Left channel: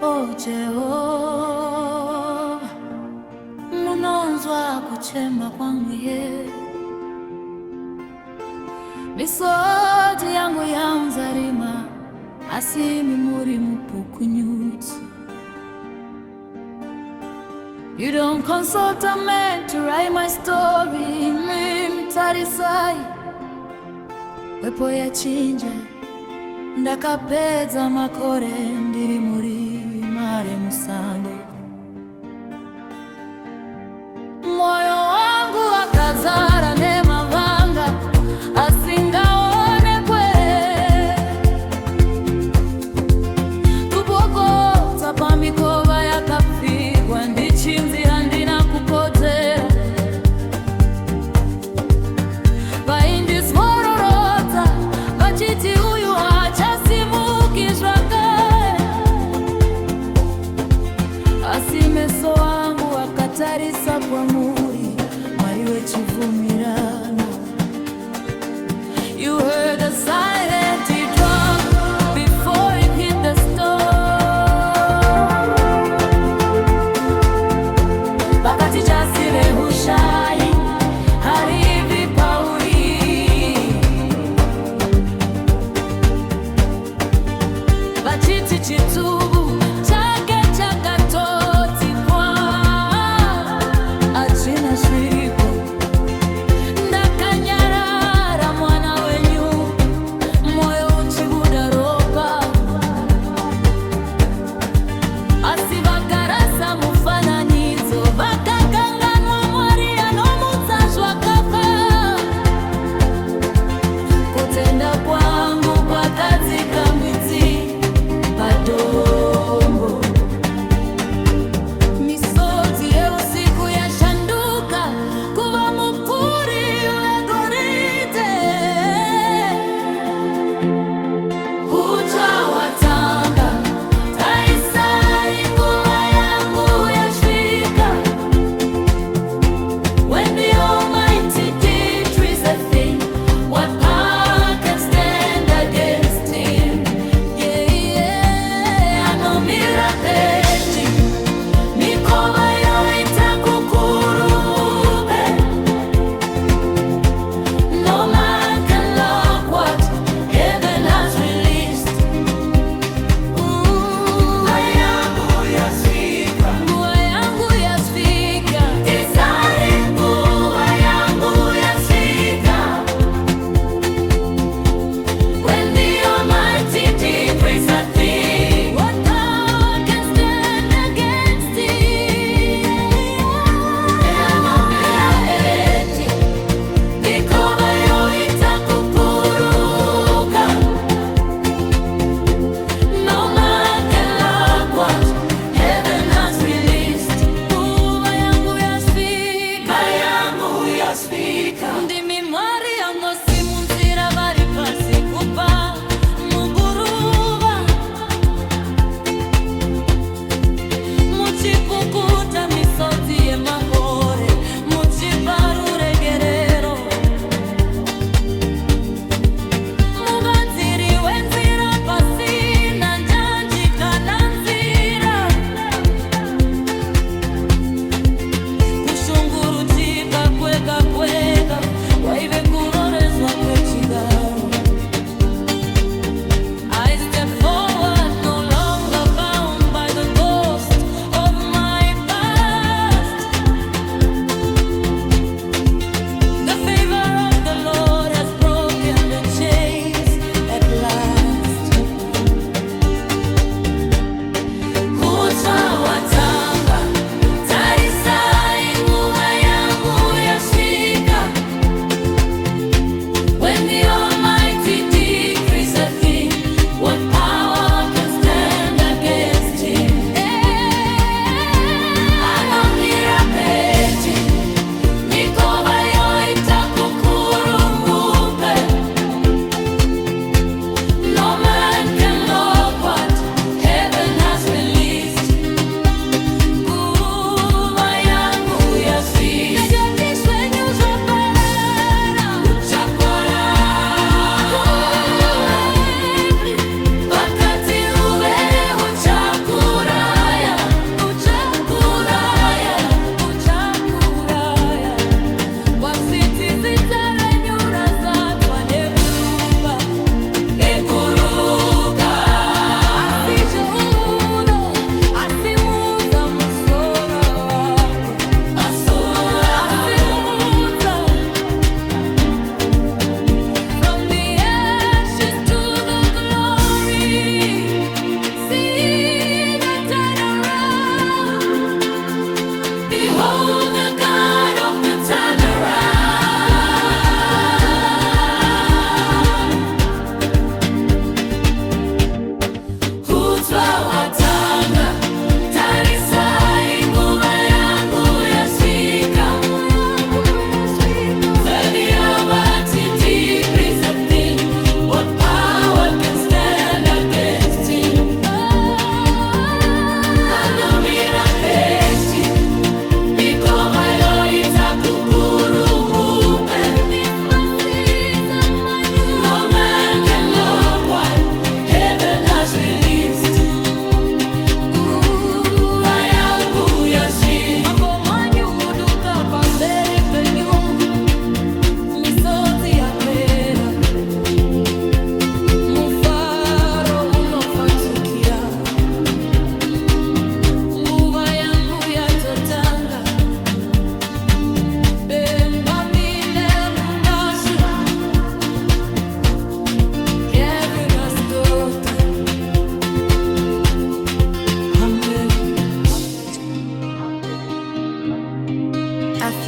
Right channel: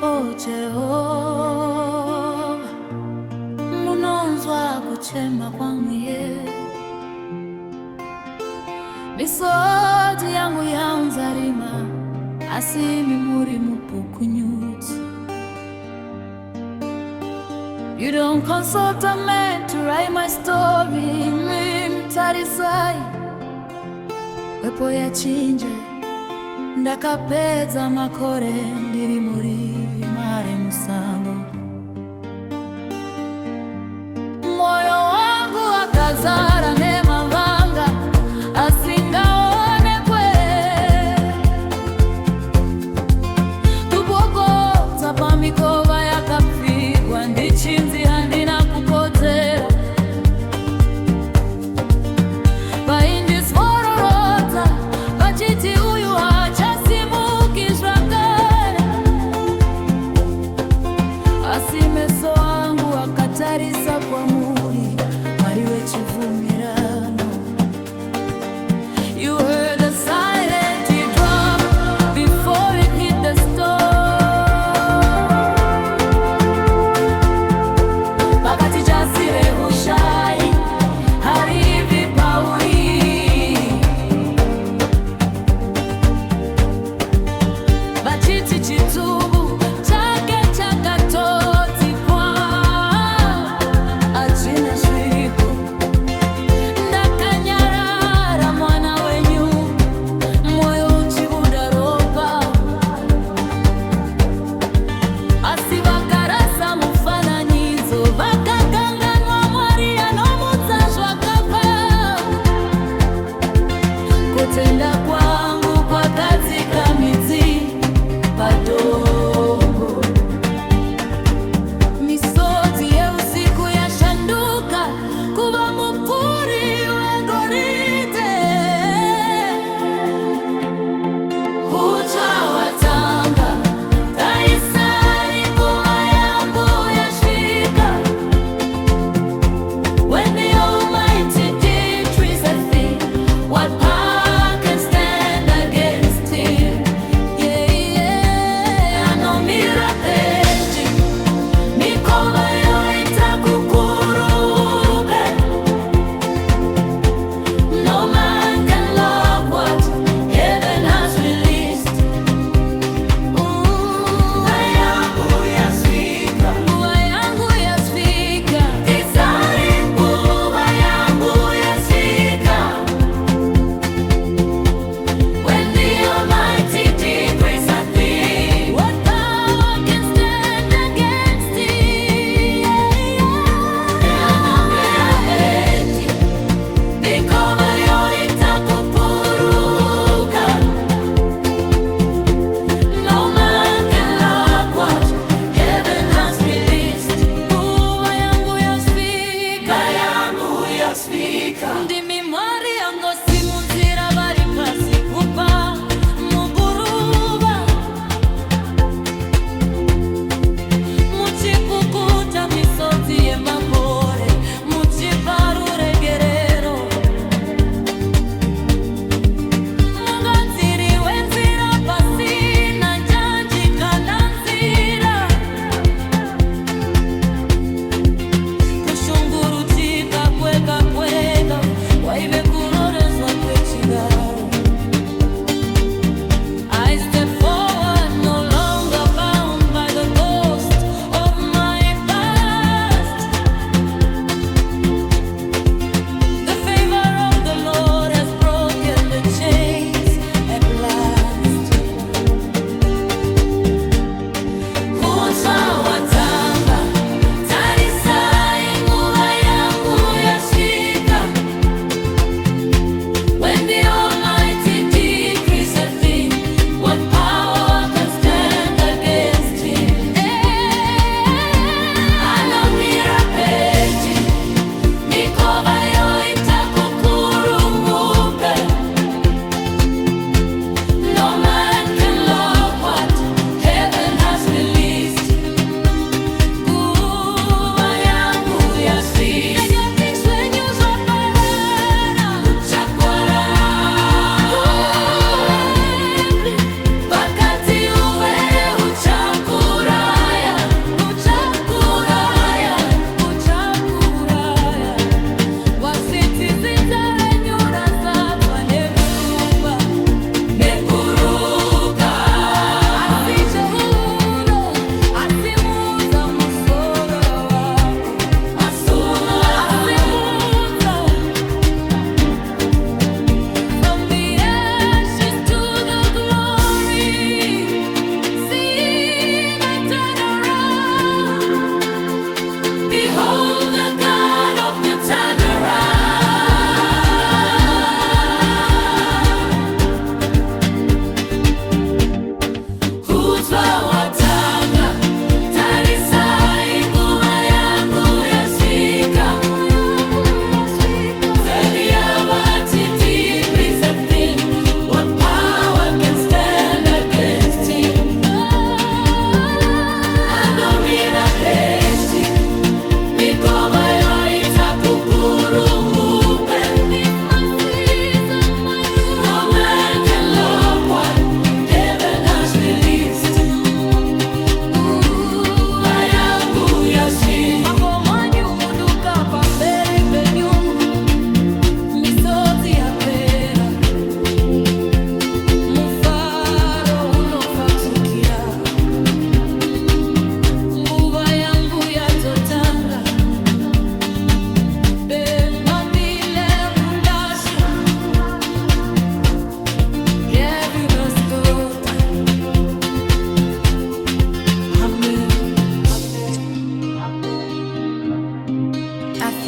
O Jehova, munonzwa kuchema kwang'ye. Misodi yangu yaunzarima, asimi muri mupukunyutsi. You don't consult a man to write my story, mtarisai wepo ya chinje ndakapedza makore ndiri muri mare musango. Moyo wangu wakazara nemavanga asingaonekwe, tubogota pamikova yakapfigwa ndichinzi handina kukodzera. Vaindisvororota vachiti uyu hachasimukizva kare, asi meso angu akatarisa kwamuri, Mwari wechibvumirano. You heard the silent drop before it hit the stone. Pakati jasire hushai hari vipauri, vachiti chitubu chake chakatoti pwa achina shwiriko. Ndakanyarara mwana wenyu, moyo uchibuda ropa, asi vakarasa mufananizo vakakanganwa Mwari anomutsazva kafa. Kutenda kwangu kwakadzika midzi padoo.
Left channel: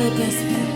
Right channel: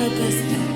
her best bet.